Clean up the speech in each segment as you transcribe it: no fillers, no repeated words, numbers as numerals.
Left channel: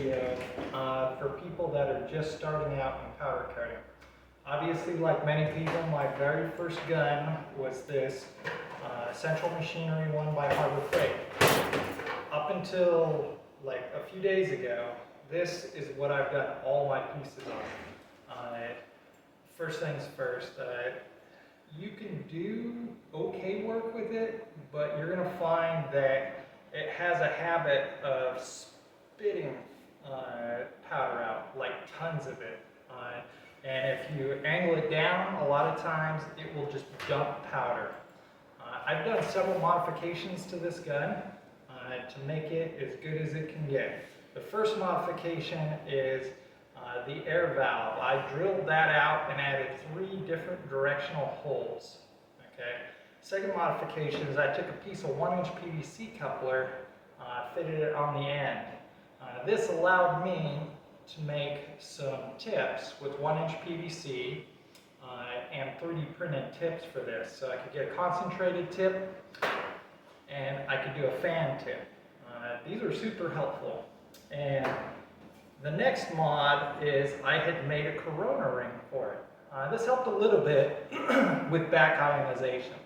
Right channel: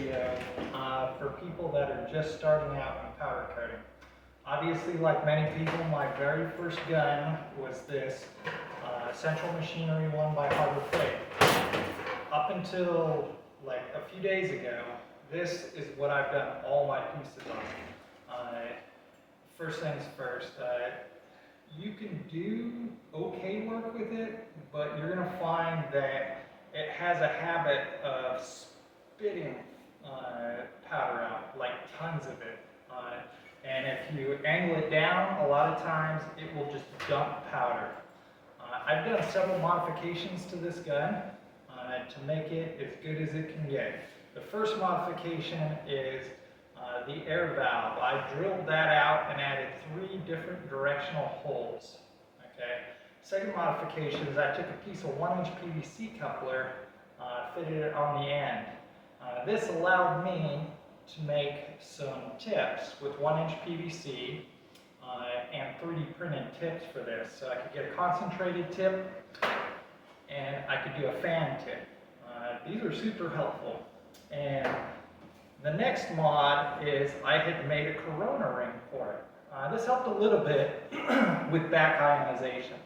video for people that are just starting out in powder coating. Obviously, like many people, my very first gun was this Central Machinery one by Harbor Freight. Up until like a few days ago, this is what I've done all my pieces on. First things first, you can do okay work with it, but you're going to find that it has a habit of spitting powder out, like tons of it. And if you angle it down, a lot of times it will just dump powder. I've done several modifications to this gun to make it as good as it can get. The first modification is the air valve. I drilled that out and added 3 different directional holes. Okay. Second modification is I took a piece of 1-inch PVC coupler, fitted it on the end. This allowed me to make some tips with 1-inch PVC and 3D printed tips for this. So I could get a concentrated tip and I could do a fan tip. These are super helpful. And the next mod is I had made a corona ring for it. This helped a little bit with back ionization.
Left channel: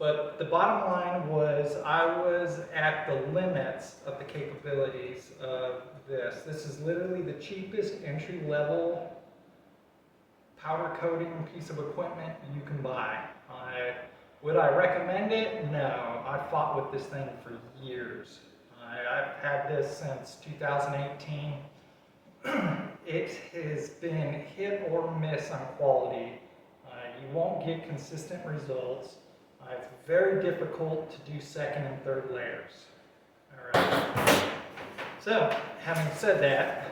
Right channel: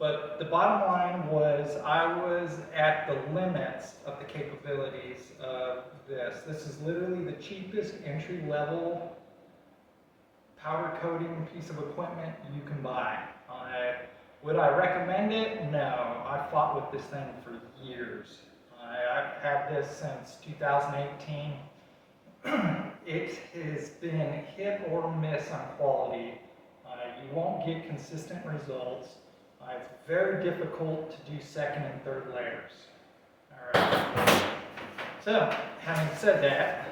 But the bottom line was I was at the limits of the capabilities of this. This is literally the cheapest entry-level powder coating piece of equipment you can buy. Would I recommend it? No. I fought with this thing for years. I've had this since 2018. It has been hit or miss on quality. You won't get consistent results. It's very difficult to do second and third layers. All right. So, having said that,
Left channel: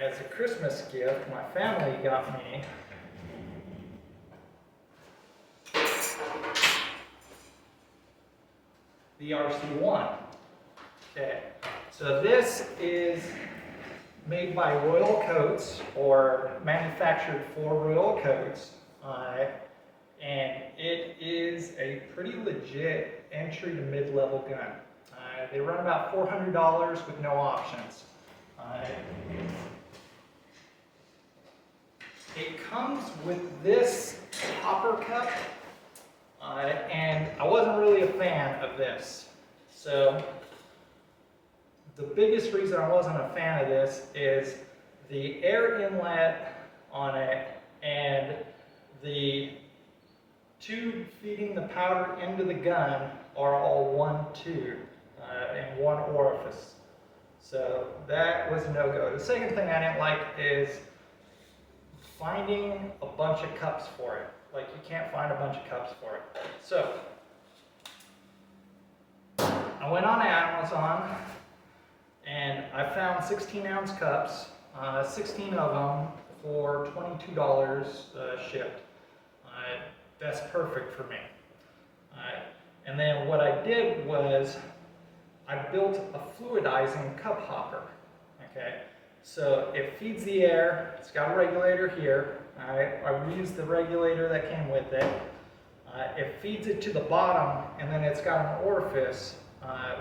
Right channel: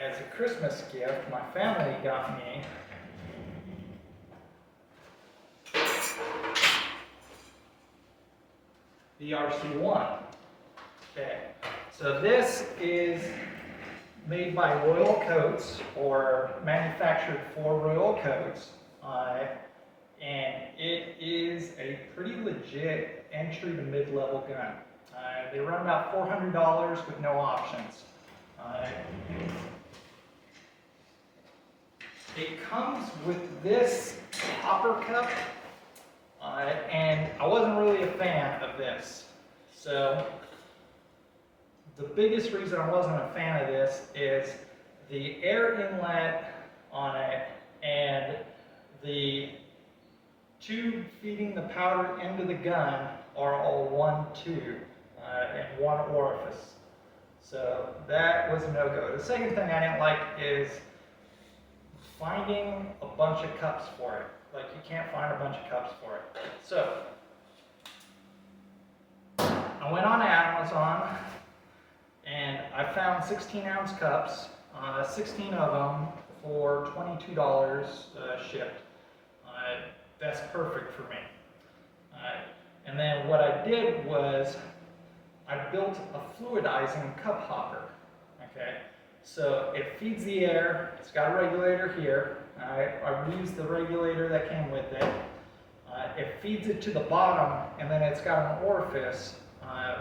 as a Christmas gift, my family got me the RC-1. Okay, so this is made by Royal Coats, or manufactured for Royal Coats, and it is a pretty legit entry to mid-level gun. They run about $400 with no options. It comes with this hopper cup, and I wasn't really a fan of this. So the biggest reason I wasn't a fan of this is the air inlet on it and the tube feeding the powder into the gun are all one tube in one orifice. So that was a no-go. The second thing I didn't like is finding a bunch of cups for it. Like, you can't find a bunch of cups for it. So I went on Amazon and I found 16-ounce cups, 16 of them for $22 shipped. That's perfect for me. And then what I did was I built a fluidizing cup hopper. Okay, so it feeds the air. It's got a regulator here. I reused the regulator that came with it. It feeds it to the bottom, and then it's got an orifice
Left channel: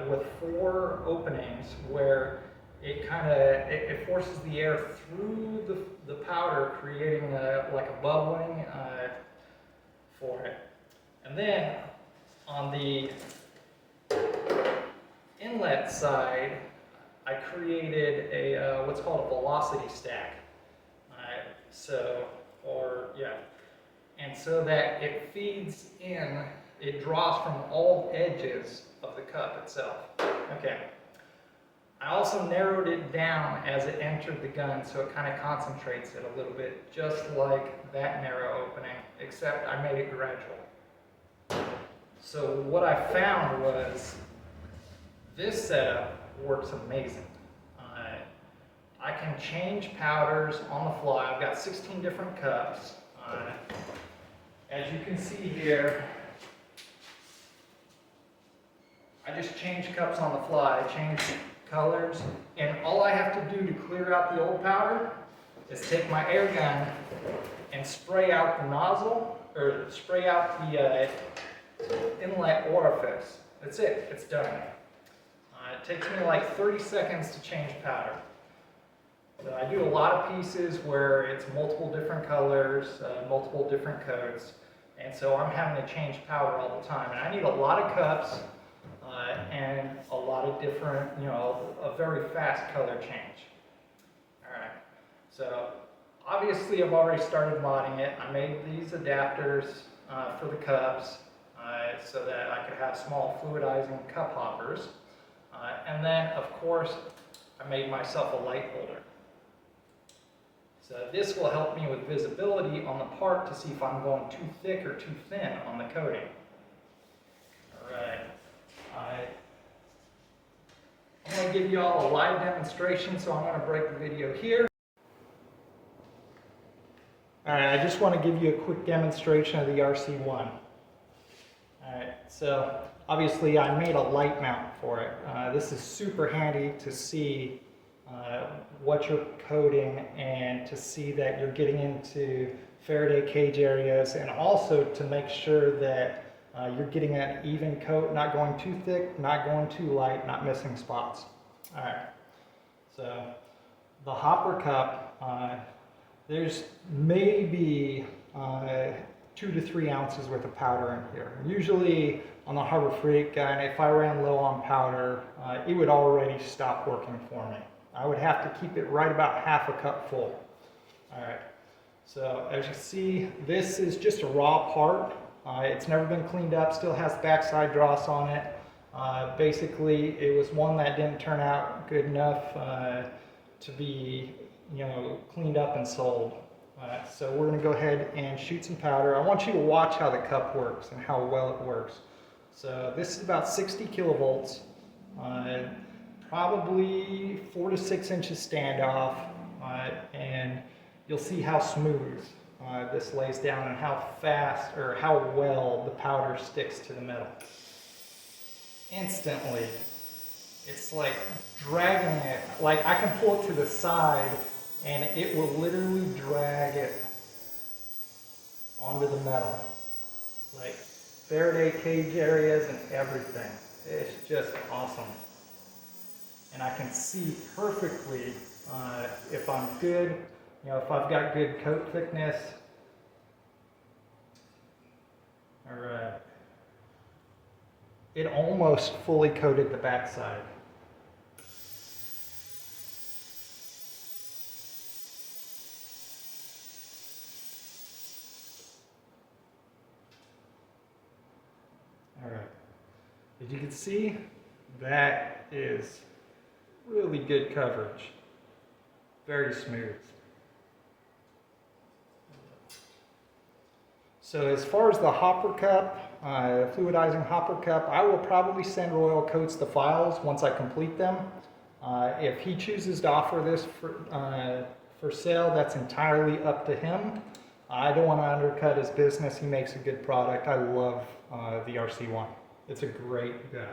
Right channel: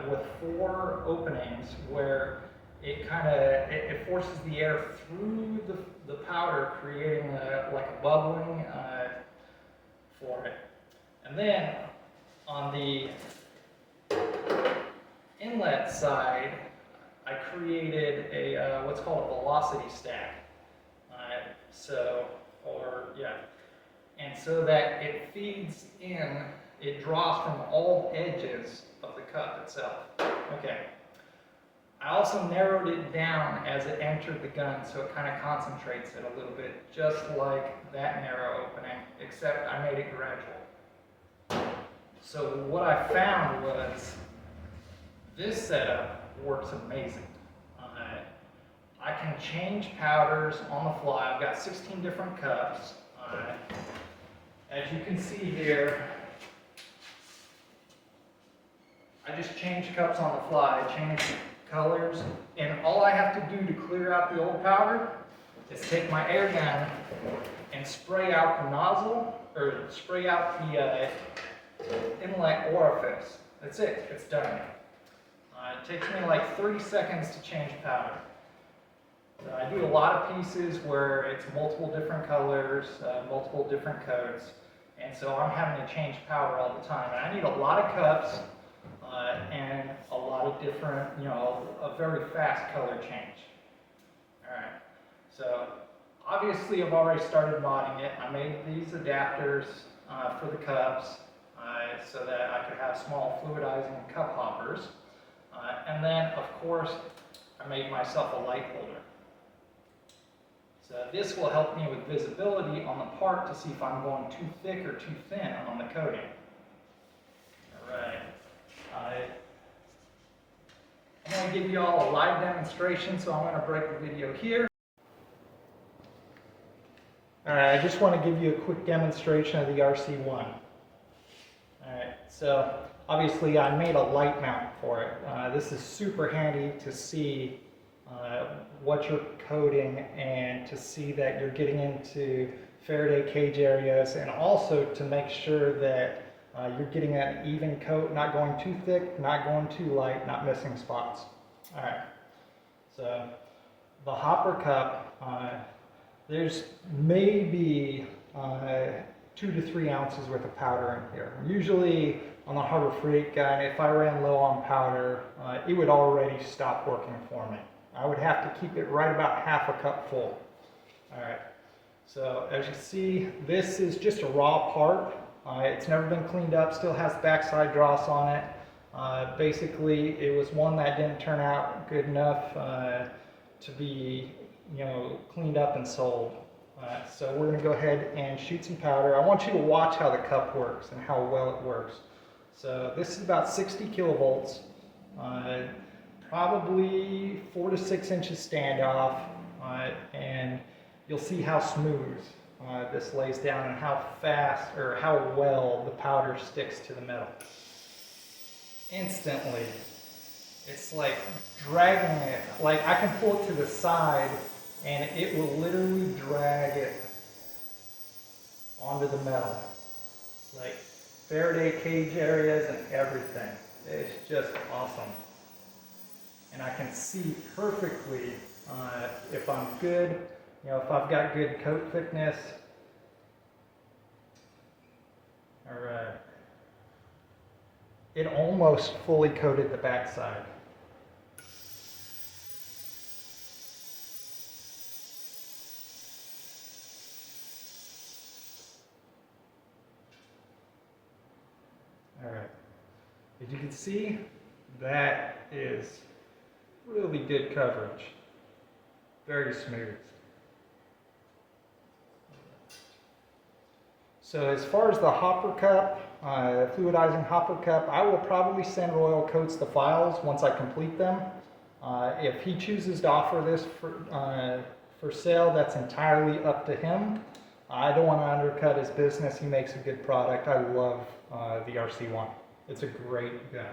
with 4 openings where it forces the air through the powder, creating like a bubbling for it. And then on the inlet side, I created a what's called a velocity stack. And so that it feeds in, it draws from all edges of the cup itself. Okay. I also narrowed it down as it entered the gun, so it kind of concentrates it a little bit, just like that narrow opening, except I made it gradual. So what I found was this setup works amazing. I can change powders on the fly. I've got 16 different cups. As you can see here, I just change cups on the fly. I change colors, and all I have to do to clear out the old powder is take my air gun and spray out the nozzle, or spray out the inlet orifice. That's it, it's done. It takes me like 30 seconds to change powder. So I do a lot of pieces where it's multiple different colors, multiple different coats, and so I'm having to change powder all the time. And I need a lot of cups and a lot of different, a very fast color change. All right, so obviously I've already started modding it. I made these adapters for the cups so that I could have small fluidizing cup hoppers. And then, of course, I made myself a light holder. So this will help me with visibility on the part to see if I'm going too thick or too thin on the coating. All right. I'm going to give you all a live demonstration, so I'm going to break the video here. All right, I just want to give you a quick demonstration of the RC-1. All right, so obviously I made a light mount for it. This is super handy to see what you're coating and to see that you're getting into Faraday cage areas, and also to make sure that you're getting an even coat, not going too thick, not going too light, not missing spots. All right, so the hopper cup, there's maybe 2 to 3 ounces worth of powder in here. Usually on the Harbor Freight gun, if I ran low on powder, it would already stop working for me. I would have to keep it right about half a cup full. All right, so as you see, this is just a raw part. It's never been cleaned up, still has backside dross on it. Basically, it was one that didn't turn out good enough to be, cleaned up and sold. So we're going to go ahead and shoot some powder. I want you to watch how the cup works and how well it works. So this is about 60 kilovolts, probably 4 to 6 inches standoff, and you'll see how smooth this lays down and how fast or how well the powder sticks to the metal. Instantly, it's like dragging it. Like I can pull it to the side and it will literally drag it onto the metal. Like Faraday cage areas and everything. It's just awesome. And I can see perfectly if I'm good, if I've got good coat thickness. All right. It almost fully coated the backside. All right. As you can see, that is really good coverage. Very smooth. So as far as the hopper cup, fluidizing hopper cup, I will probably send Royal Coats the files once I complete them. If he chooses to offer this for sale, that's entirely up to him. I don't want to undercut his business. He makes a good product. I love the RC-1. It's a great gun.